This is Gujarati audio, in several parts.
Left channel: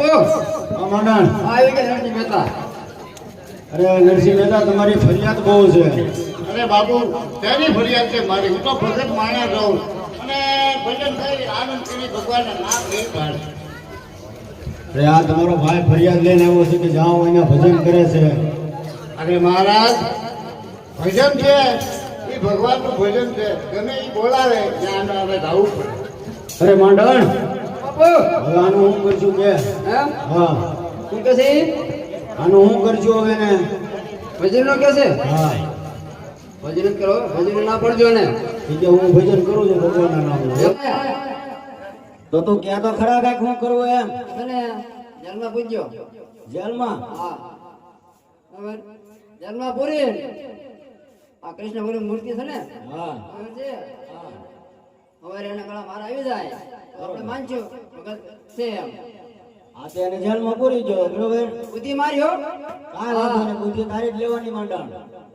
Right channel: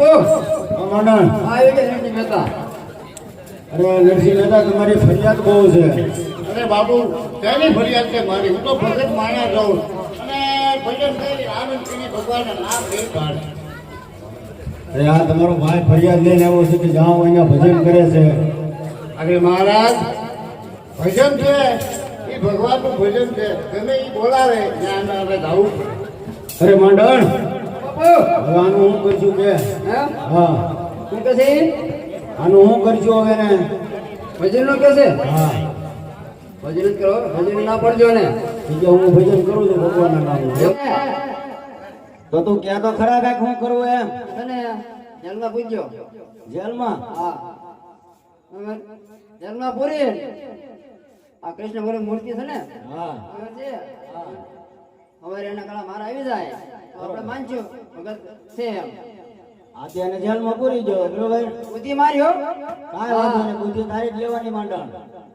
આ કે કે. બાપુ આવી કે નરસિંહ મહેતા અરે નરસિંહ મહેતા તમારી ફરિયાદ બહુ છે. અરે બાપુ તેની ફરિયાદ છે મારી? હું તો ભગત માણ્યા રહું અને ભજન થઈ આનંદ કરી ભગવાનના નામ પાડે અરે આ તમારો ભાઈ ફરિયાદ લઈને આવ્યો છે કે જાઓ અહીંયા ભજન કરે છે. અરે મહારાજ ભજન છે. એ ભગવાનનું ભજન છે. ગમે એ બોલાવે ત્યાં અમે જવું પડે. અરે હવે આનું હું કરશું કે? હા? શું કહે છે? આનું હું કરજો હવે ને? ભજન નો કે છે? હા. ભજન કરો ભજન ના પડજો ને. કે હું ભજન કરું છું ભગવાનના નામનું. તો તું ક્યાં તો ખરા રાખ હું કરવું એમ? અને જેલમાં પૂછજો જેલમાં? હા. જેલમાં પૂરી? આ કૃષ્ણ ભગવાનની મૂર્તિ છે ને? હા. હવે એના ગળા મારા આવી જાય. આપણે ભગત છે એમ. આજે એને જેલમાં પૂરી જો બરોબર બુદ્ધિ માર્યો કાંઈ વાંધો નહીં બુદ્ધિ તારી જ લેવાની મંડળ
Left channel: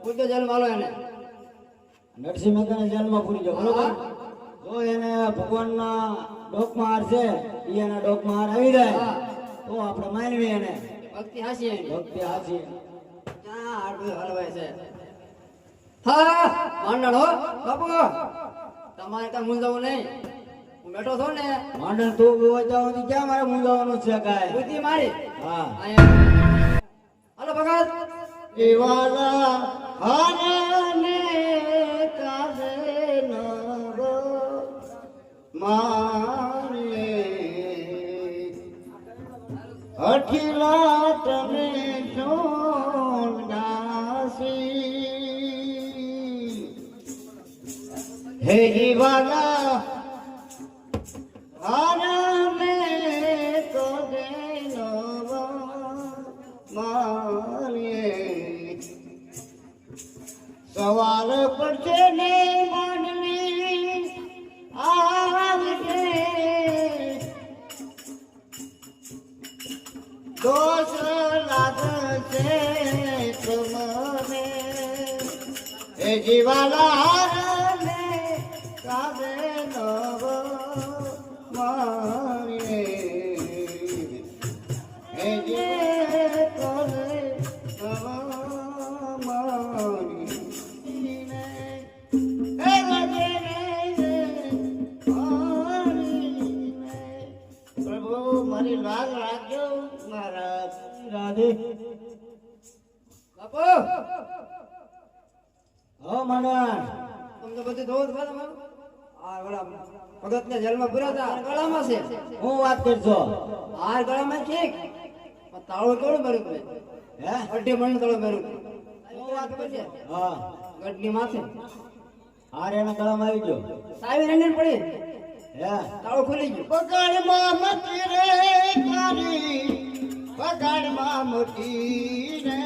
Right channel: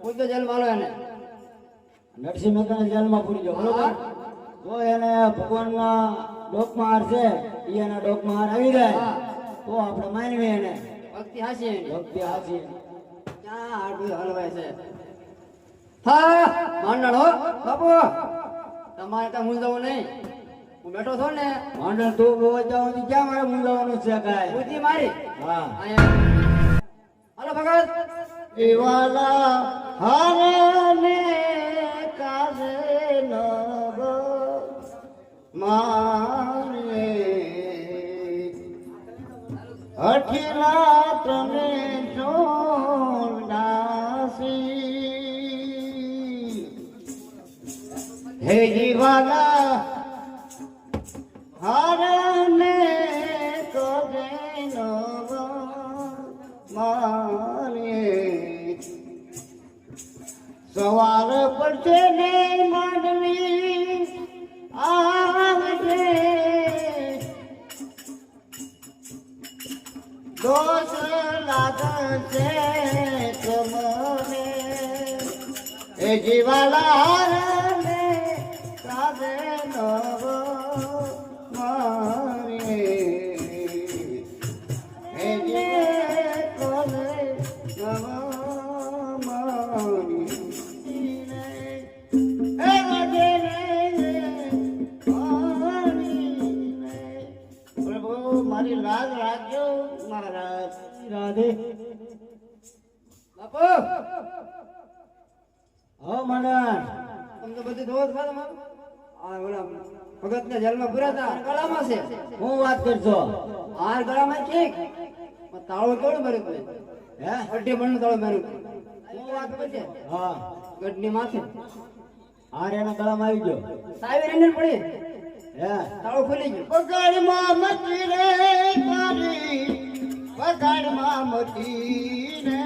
પૂછજો જેલ માલો એને. નરસિંહ મહેતાને જેલમાં પૂરી જો બરોબર? તો એને ભગવાનના ડોકમાં હાર છે એ એના ડોકમાં હાર આવી જાય તો આપણે માનવી એને. ભક્તિ હાસી ભક્તિ હાસી. ક્યાં હાડું હલવાય છે? હા માંડણ હો બાપુ. તમારે ત્યાં મૂંઝવું નહીં. બેઠો છો ને? માંડણ તું ગોવા જાવ ક્યાં મારે મૂંઝાવાનું છે કાય બુદ્ધિ મારી. હા. અહીંયા. હાલો ભગત. દિવાલા હારને ને જેલમાં પૂર્યા હતા. ગળામાં છે. હું વાત કરજો. હાર ગળામાં છે પણ તાળો કેવડો તમે? હે? અઢી મણ તાળો મારું હું વાત કરજે. હા. ગઢની માથે. હાર એના ગળામાં આવી ગયો. સાહેબ, એને પડી. હે? તાળો ખોલી ગયો. બગાડમાં મચી રે તારી બગાડમાં મચી રે.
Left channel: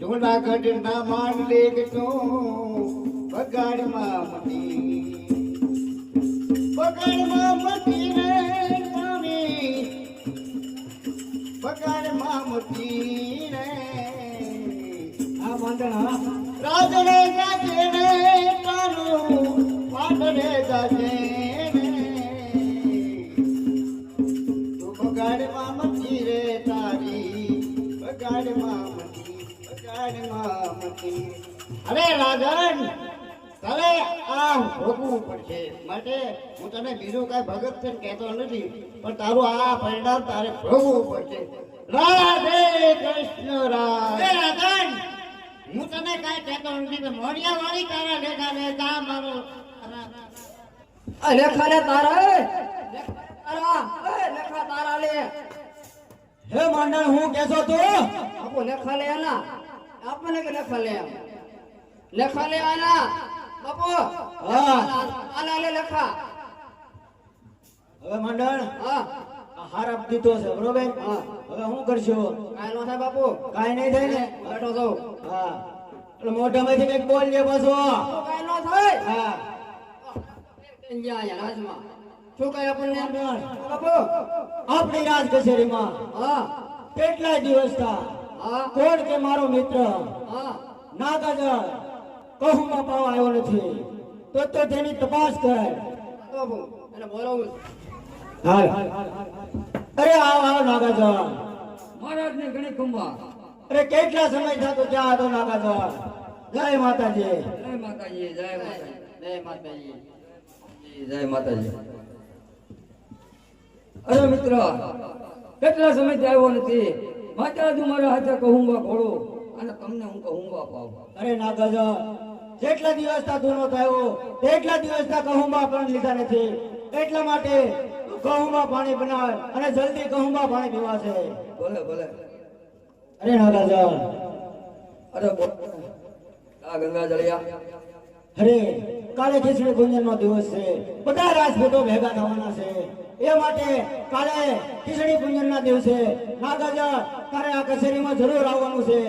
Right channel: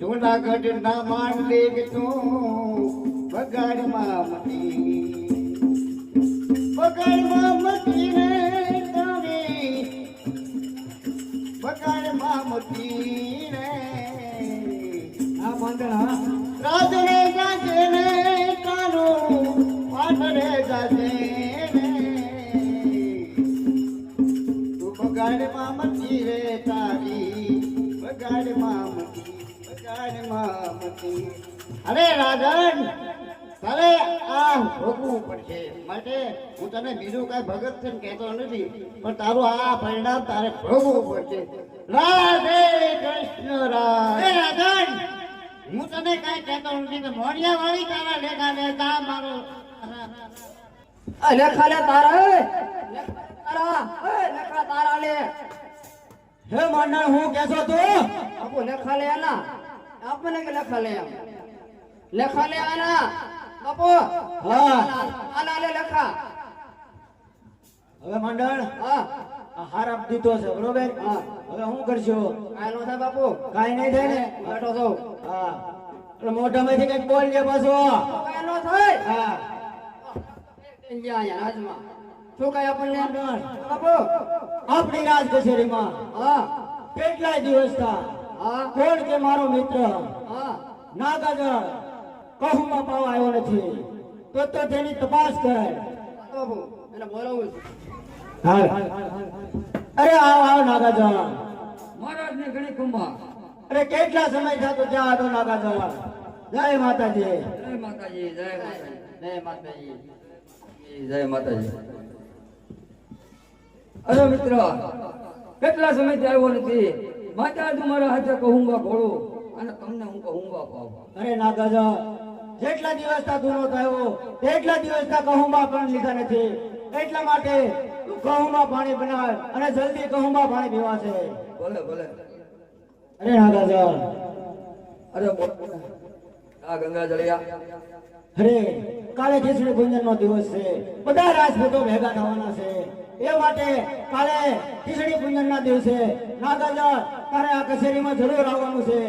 જુનાગઢ ના માંડલે તો પકડમાં મતી આ ભોગવું પડશે માટે હું તને બીજું કાંઈ ભગત છે કહેતો નથી પણ તારું આ પરિણામ તારે ભોગવું પડશે. રાધે કૃષ્ણ રાધે રાધન હું તને કઈ કહેતો નથી કે મોઢિયા વાળી તારા લેખા લેતા મારો લેખા લે તારા. તારા. લેખા તારા લે. હે મંડળ હું કેસો તું આપો લેખા લે આના. આપણને કે લેખા લે લેખા લે આના. બાપુ હા. આના લે હવે મંડળ હા. હાર આપ દીધો છે બરોબર? હા. હવે હું કરશો કાંઈ નો થાય બાપુ. કાંઈ નહીં થાય ને? બેઠો છો હા. એટલે મોઢામાંથી કંઈક બોલ લે બસો કાંઈ નો થાય. હા. શું કાંઈ આપણને? બાપુ. આપણી રાજ કચેરીમાં. હા. કેટલાય દિવસ થા હા. કોણ કે મારો મિત્ર? હા. ના કાગળ કહુમાં પાવા આવ્યો નથી. તો તો તેની તપાસ એને બોલાવું હાલ અરે આવ આવ નાગાજા મહારાજ ને ઘણી કુંભા અરે કેટલા સમય થતો ત્યાં હતો નાગાજળ જય માતાજી. જય માતાજી જય માતાજી. જય માતાજી. જય માતાજી. અરે મિત્ર કેટલા સમયથી આવ્યો નથી? માતા તું મારા હાથે કહુંગા ઘોડો. અને તમને હું કહુંગા પાવ અરે દાદા જેટલા દિવસ તા ગુનો થયો તેટલા દિવસ તા કહુંબા પણ લીધા નથી. એટલા માટે તું કહુંબા પાણી બનાવ અને જલ્દી કહુંબા પાણી પીવા છે. ભલે ભલે. અરે ના દાદા. અરે આ ગંગા જળિયા. અરે કાલે ખેસડી ગુંજન નો દિવસ છે. બધા રાજપૂતો ભેગા થવાના છે. એ માટે કાલે ખીચડી પૂજન ના દિવસે નાગાજળ તારે આ કચેરીમાં જરૂર આવવાનું છે.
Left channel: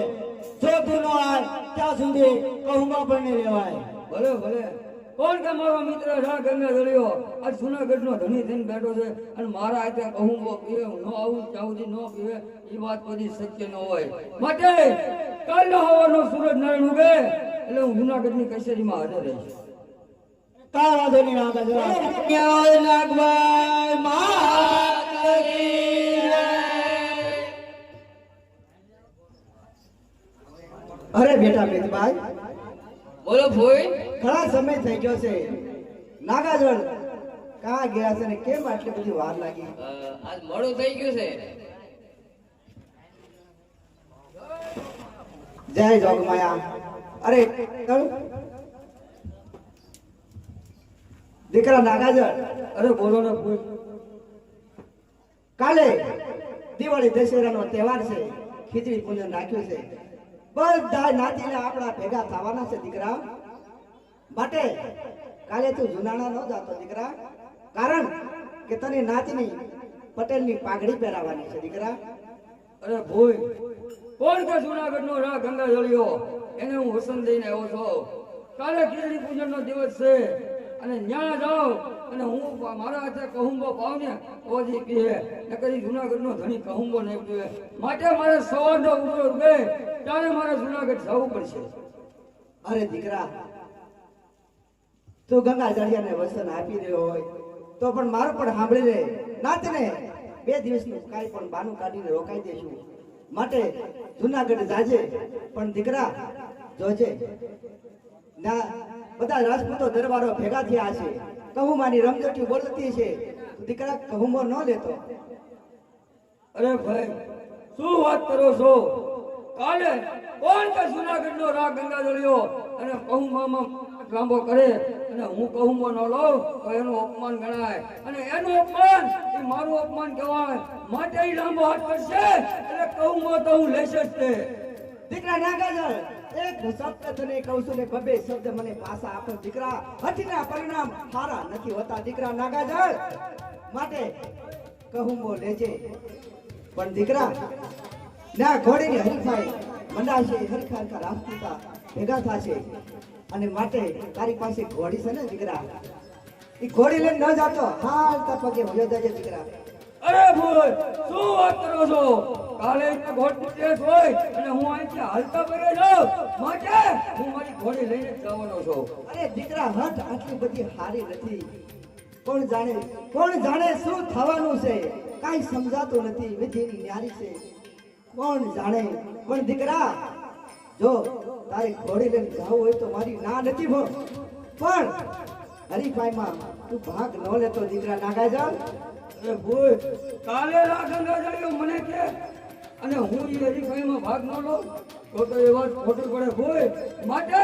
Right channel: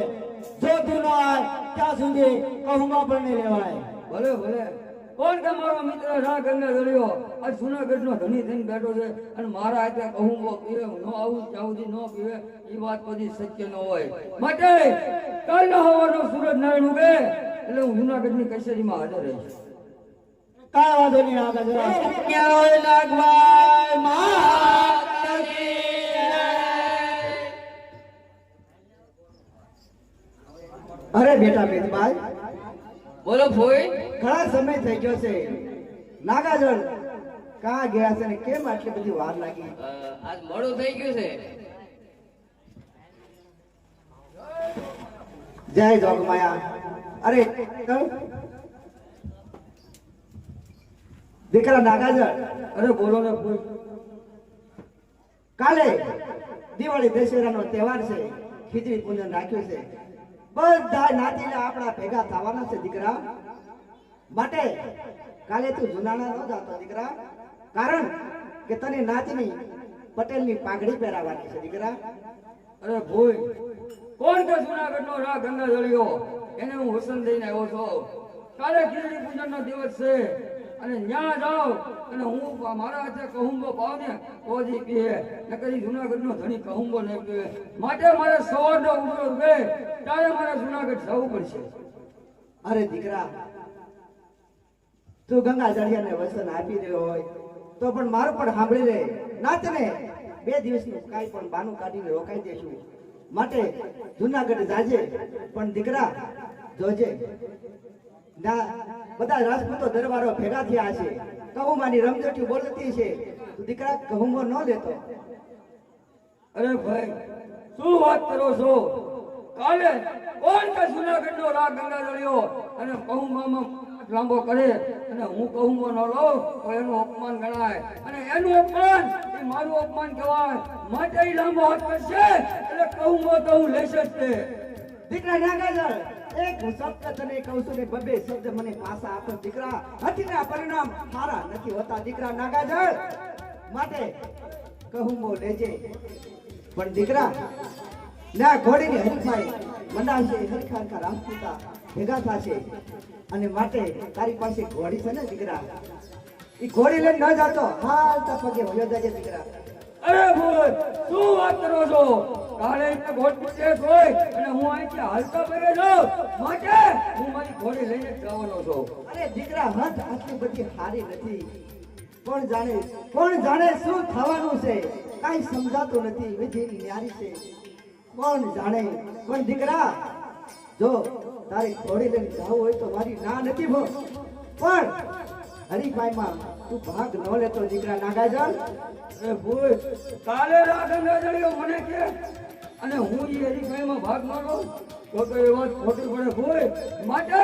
જો તું ન આવે, ત્યાં સુધી કહુંગા પણ નહીં લેવાય ભલે ભલે. કોણ કે મારો મિત્ર રા ગંગા જળિયો આ જુનાગઢ નો ધણી થઈને બેઠો છે અને મારા હાથે કહુંગો પીવે ન આવું સુધી ન પીવે, એ વાત બધી સત્ય ન હોય. માટે કાલ હવાનો સૂરજ નારાયણ ઉગે, એટલે હું જુનાગઢની કચેરીમાં હાજર રહીશ નહીં નાગાજળ ક્યાં નાગભાઈ માતાજી અરે બેટા બેનભાઈ બોલો ભોઈ. ઘણા સમય થઈ ગયો છે. નાગાજળ કા ગયા છે ને કેમ આટલી બધી વાર લાગી? આજ મોડું થઈ ગયું છે. જય જોગમાયા. અરે ચાલ. દીકરા નાગાજર અરે બોલો ને કાલે દિવાળી દશેરાનો તહેવાર છે, ખીચડી પૂજન રાખ્યું છે. બધા નાતીને આપણા ભેગા થવાના છે દીકરા. માટે કાલે તું જુનાણા ન જાતો દીકરા. કારણ કે તને નાતીની પટેલની પાઘડી પહેરાવાની છે દીકરા. અરે ભોય, કોણ કે જુનાગઢ નો રા ગંગા જળિયો એને હું હુસન દઈને આવ્યો છું. કાલે ખીચડી પૂજન નો દિવસ છે. અને ન્યા જાઓ અને હું મારા જે કહુંબો પાવ ને ઓજી પીએ ને કદી જુનાગઢ નો ધણી કહુંબો નહીં પીવે માટે મારે સવારનો ઉપયોગ ઉગે ત્યારે મારે જુનાગઢ જવું પડશે. અરે દીકરા, તું ગંગા જળિયાને વસન આપી રહ્યો હોય, તો પણ મારું પણ સાંભળી લે. નાતને બે દિવસનું કાંઈ પણ બાનું કાઢીને રોકાઈ દેશું માટે જુનાગઢ જાજે, પણ દીકરા, જોજે. ના બધા રાજપૂતો દરબારો ભેગા થયા છે. કહુમાની રમઝટી બોલતી છે. દીકરા કહુમો ન લેતો. અરે ભાઈ શું વાત કરો છો? કાલે કોણ કે જુનાગઢ નો રાગ ગંગા જળિયો અને કહુંબામાં લાંબો કરે અને હું કહુંબો ન લઉં તો એનું અપમાન ગણાય. અને એનું અપમાન એ મારું અપમાન કહેવાય. માટે લાંબો હાથ કરશે એટલે કહુંબો તો હું લેશે જ તે. દીકરા નાગાજર એક શબ્દ તને કહું છું ને બબે શબ્દ મને પાછા આપો દીકરા. હઠીના પરિણામ સારા નથી હોતા દીકરા નાગાજળ. માટે કહું મો લેજે પણ દીકરા, ના ઘોડીની હરીફાઈ મંદાશે હરીફાઈ રાજપૂતા ભેગા થશે. અને માટે તારી પાસે ઘોડી છે ને દીકરા? એ ઘોડી લઈને ન જાતો. હાલતા પગે ભયો જજે દીકરા. અરે બોલ, શું વાત કરો છો? કાલે એમને ઘોડ પૂછે હોય અને હું અહીંથી હાલતા પગે માટે હું મારી ઘોડી લઈને જવાનો છું. અરે દીકરા હઠ આટલી બધી હારી નથી. કોણ જાણે કોણ જાણે શું થવાનું છે? કાંઈ સમજાતું નથી, વિધિની ન્યારી છે. કોણ જાણે? પણ દીકરા, જો તારી ઘોડી લઈને જવું હોય તો મારી ના નથી ભો પણ હરીફાઈમાં તું ભાગ ન લેતો, દીકરા નાગાજલ હું હરીફાઈમાં ભાગ તો એ વાત માટે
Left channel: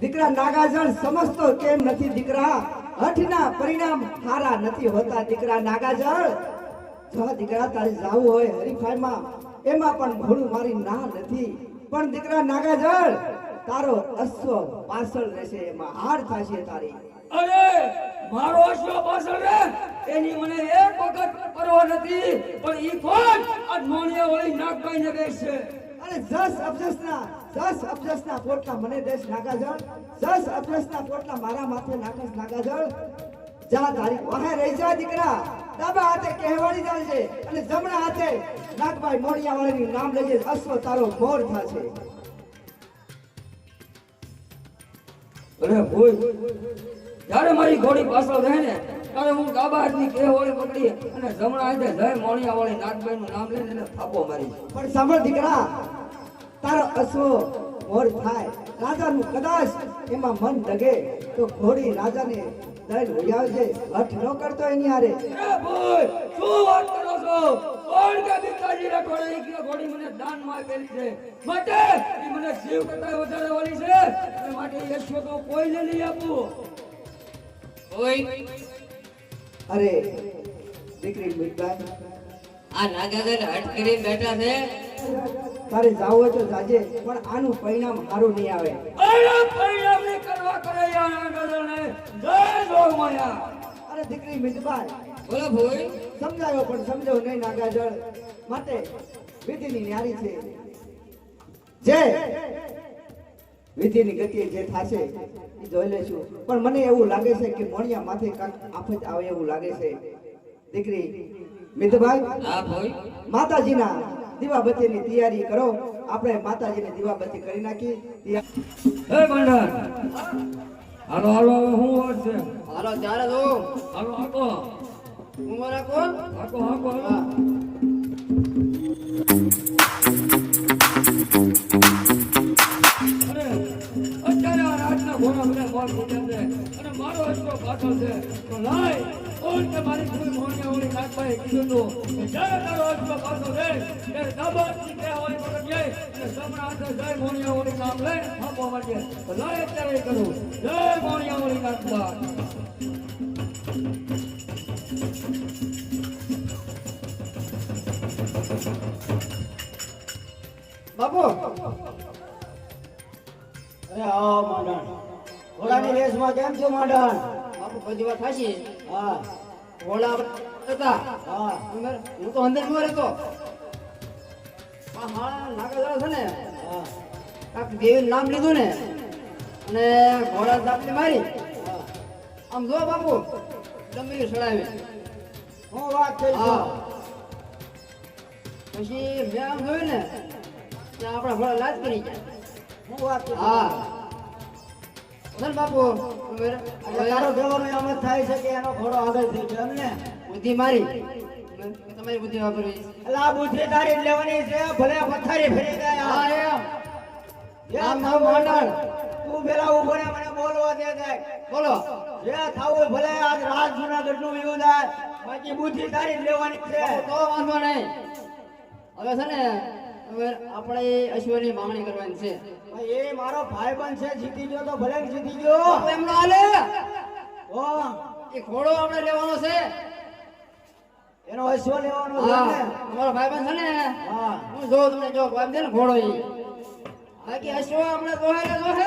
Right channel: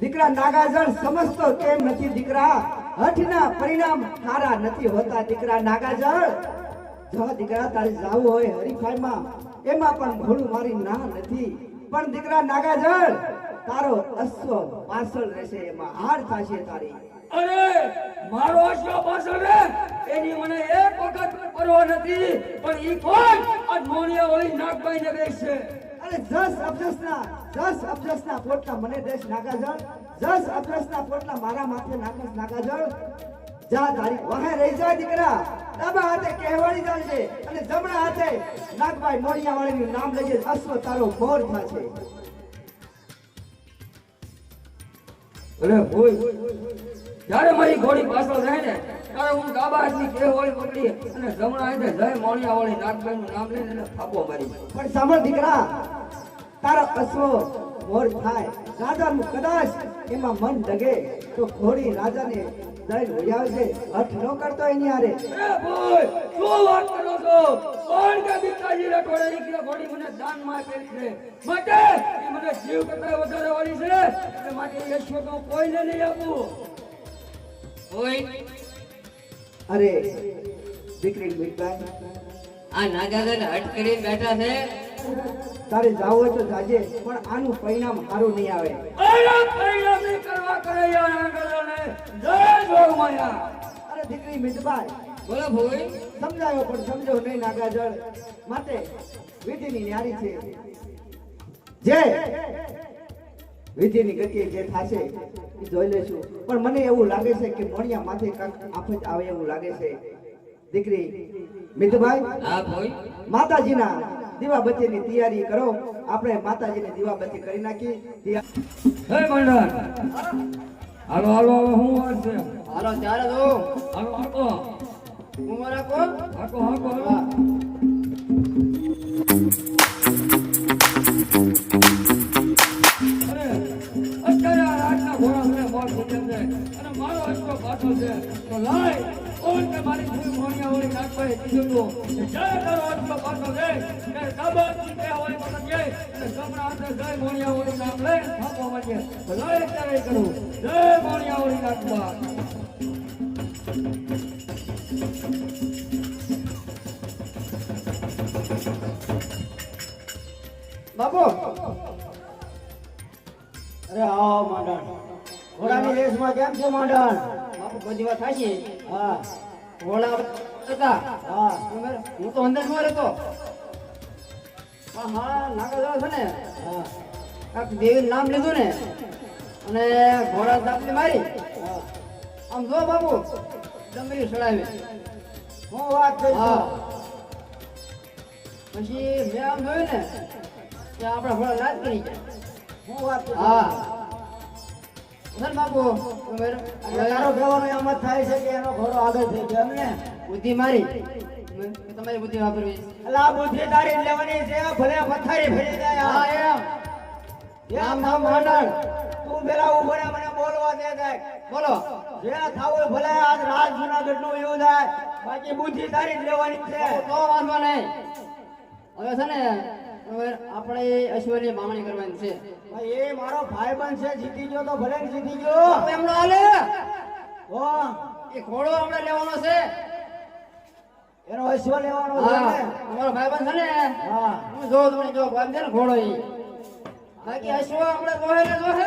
દીકરા, નાગાજળ સમજતો કેમ નથી દીકરા? હઠના પરિણામ સારા નથી હોતા દીકરા, નાગાજળ. જો દીકરા તારે જાવું હોય હરીફાઈમાં, એમાં પણ ભૂલ મારી ના નથી. પણ દીકરા નાગાજળ તારો અશ્વ પાછળ રહેશે એમાં હાર થશે તારી. અરે મારો અશ્વ પાછળ રે એની મને એક વખત પરવા નથી પણ ઈ કોણ? આ મોણિયા વાળી નાગભાઈ ને ગઈ છે અરે જસ અબજસના જસ અબજસના પોટલા મને દેશ નાગાજળ જસ અબજસના પોટલા મારા માથે નાખસ નાગાજળ જા તારી વહે રહી જા દીકરા. ડાબા હાથે કહેવાડી જાય છે અને જમણા હાથે નાગભાઈ મોડિયા વાળાનું નામ લઈએ તારો મોર થશે અરે હોય જ્યારે મારી ઘોડી પાછળ જાય ને, ત્યારે હું ડાબા હાથની કે વાળી પકડી અને જમણા હાથે જય મોડિયાવાળી નાગભાઈ નું નામ લઈને એને થાપો મારી. પણ સાંભળ દીકરા, તારા અશ્વ મોર થાય. રાજાનું કદાચ એમાં મન ડગે તો ઘોડી રાજાને લઈને વહી છે હઠ નો કરતો એની હારે. અરે ભોય શું વાત કરો છો? કોણ કે ભીખાજી રે કોણે એક ઘોડી મને દાનમાં આપેલી છે. માટે એ મને જીવ કરતા વધારે વાળી છે. અને માટે એ છો તો કોઈને નહીં આપું. ઓય. અરે દીકરી બેટા. આ નાગાદર હટ કરીને બેઠા છે. તારે જાવ હોય તો જાજે પણ આનું પરિણામ સારું નહીં આવે. અરે પરિણામ કરવા કરે દીકરી મિતભાઈ બોલો સમજાયો પણ સમજો નહીં નાગાજળ. માટે વિધિની ન્યારી છે. જે વિધિની ગતિએ જે થશે એ જોઈ લેશું. પણ મને એવું લાગે છે કે મોણિયા માથે કાંઈક આફત આવે એવું લાગે છે. દીકરી મિતભાઈ માતાજીના દીવાબત્તીની તૈયારી કરો. આપણે માતાજીની દીવાબત્તી કરી નાખી. હે મંડળ. હાલો હાલો હાલો હું વાત છે. હાલો ચાલે તો. હાલો હાકો હું મારા કોણ? હાકો હાકો પાછળ છે. તો લાય ઓલ કે મારી ભૂલ મોણિયા વળી નાખવાય કીધું જય મારો પાછળ છે બાપુ. અરે હા, માંડણ. ઘોડાની રેસમાં કેમ છે, માંડણ? બાપુ બધી વાત થાશે હા. ઘોડા હતા. હા. હું તો અંદરમાં રહેતો. હા હા નાગાદર છે ને? હા. કાંઈક નામ લીધું ને અને ઘોડા દાપની મારી આમ જો બાપુ ડમરી સડાવી હું વાત કરી પછી મેં આમ જોયું ને તો આપણા ઘોડા લાજ કરી હું વાત હા. ધન બાપુ ઉમેર કહેવાનો એમ જ થાય છે કે એનો ઘોડો આગળ થઈ ગયો બુદ્ધિ મારી. તમારી બુદ્ધિ વાપરવી. એટલે આ બુદ્ધિ તારી લેવાની છે ભલે ફરી જાય. નામ નામ માંડણ તું પેલા ઊભો રહે, મને બોલવા દે દે. બોલો. જે થાવું ભલે આજ રાત જુનાગઢનું એવું થાય. બાકી બુદ્ધિ તારી લેવાની છે. તો વાંધો નહીં. હવે છે ને હવે આપણે અશ્વની માંગણી કરવાની છે. એ મારો ભાઈબંધ છે જીતી ગયો તો ભલે જીતી ગયો. એમને હાલે. હો, એ ઘોડો આપણે લેવાનો છે. એનો અશ્વ લેવાનો છે મારો ભાઈ ભાઈબંધ છે ને હા. હું જો તમને જો ભાઈ છે ને ઘોડો ઈ. બાકી અશ્વ આપણે દોહે ને? દોહે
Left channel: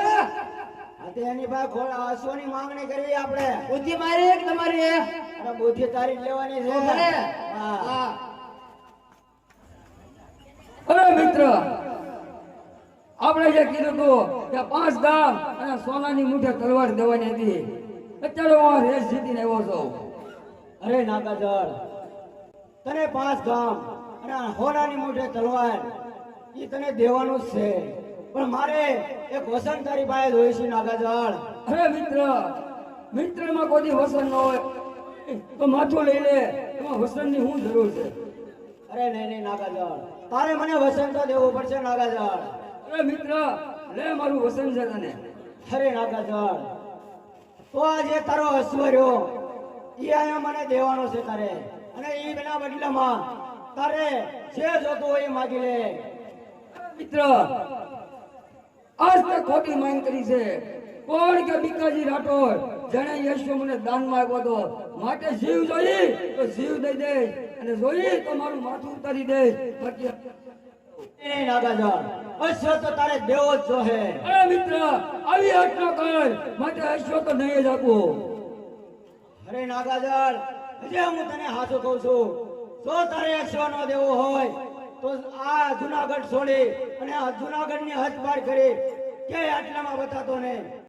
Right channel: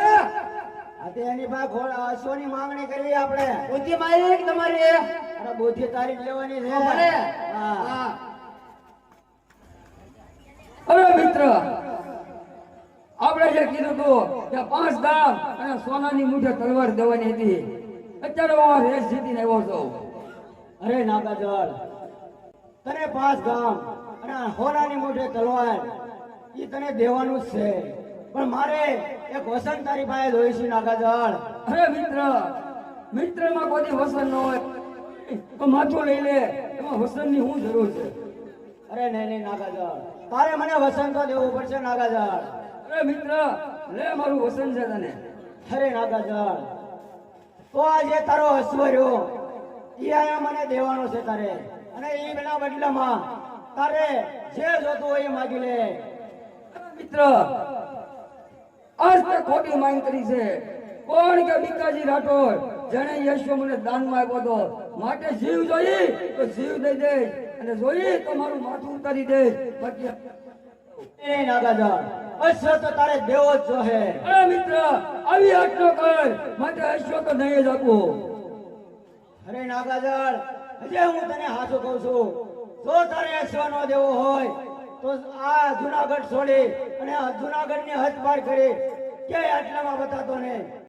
એની પાસે ઘોડા અશ્વની માંગણી કરવી આપણે. બુદ્ધિ મારી કે તમારી અરે બુદ્ધિ તારી લેવાની છે. ભલે. હા. હવે મિત્ર. આપણે જે કીધું હતું કે પાંચ ગામ અને સોનાની મુઠે તલવાર દેવાની હતી. અત્યારે હું આ રેસ જીતીને આવ્યો છું. અરે નાગાજળ તને પાંચ ગામ અને આ મુઠે મોઢે તલવાર એ તને દેવાનું જ છે. પણ મારે એક વસંત તારી પાસે જોઈ છે નાગાજળ. અરે મિત્ર મિત્રમાં કોઈ દી વસન ન હોય તો માથું લઈ લે એમાં વસનની શું જરૂર છે? અરે નહીં નહીં નાગાજળ. તારે મને વસંત તો દેવું પડશે નાગાજળ. અરે મિત્ર લે મારું વસન છે તને. અરે નાગાજળ તો આજે તારો અશ્વર્યો એ અહીંયા મને દેવાનો છે તારે. અને એ બેના બદલામાં તારે જે જોતું હોય એ માગી લે. મિત્ર આજ તે ખોટી માંગ કરી છે. કોણ કે ભીખાજી રાઠોડ? જેણે યશો મને દાનમાં આપ્યો હતો માટે જીવ જોઈ તો જીવ દઈ દે. અને જોઈ તો મારું માથું ઉતારી દે. બાકી અશ્વ તો તારે દેવો જ જોહે. અરે મિત્ર આવી હટ ન કર. માટે અશ્વ તો નહીં જ આપું. અરે નાગાજળ હજી હું તને હાચું કહું છું. જો તારે અશ્વ નો દેવો હોય તો આ જુનાગઢ છોડે અને જુનાગઢની હદ પાર કરે. કે આટલામાં બતાતો નહીં.